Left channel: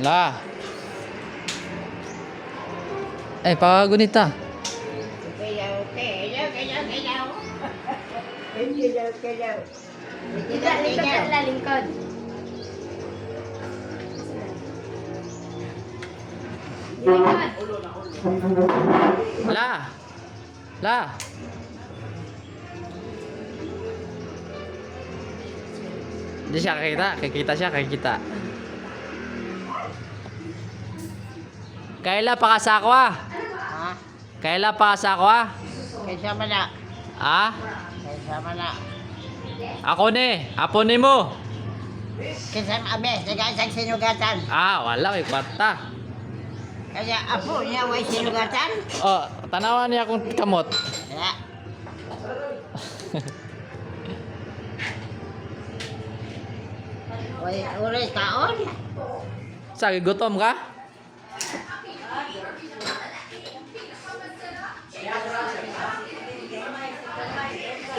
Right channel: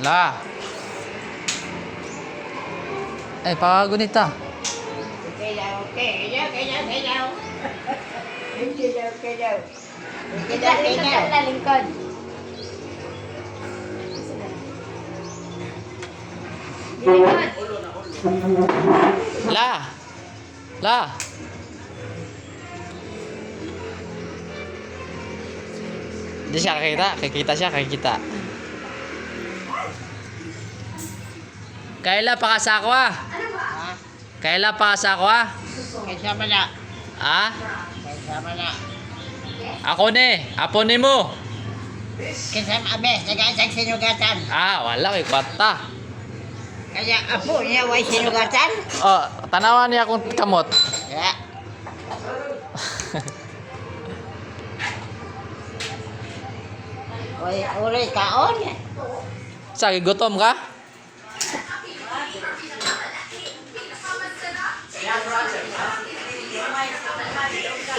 La. Pagagunita. Lingkod. La. La. Hindi siya kakita. Kikita siya, kikita. Kaila pakasako ah. Ha? Kaila pakasako ah. Kaysa mana? Ah? Kaysa mana? Ako ni. Apo ni mo. Kaysa abe, nag-aasang sinugatan. Ah, wala kay kwata. Kaya apo niya way sinugatan. Oh, tanawan niya akong kamot. Ya. Oy, uray kaon. Sa gutom ka?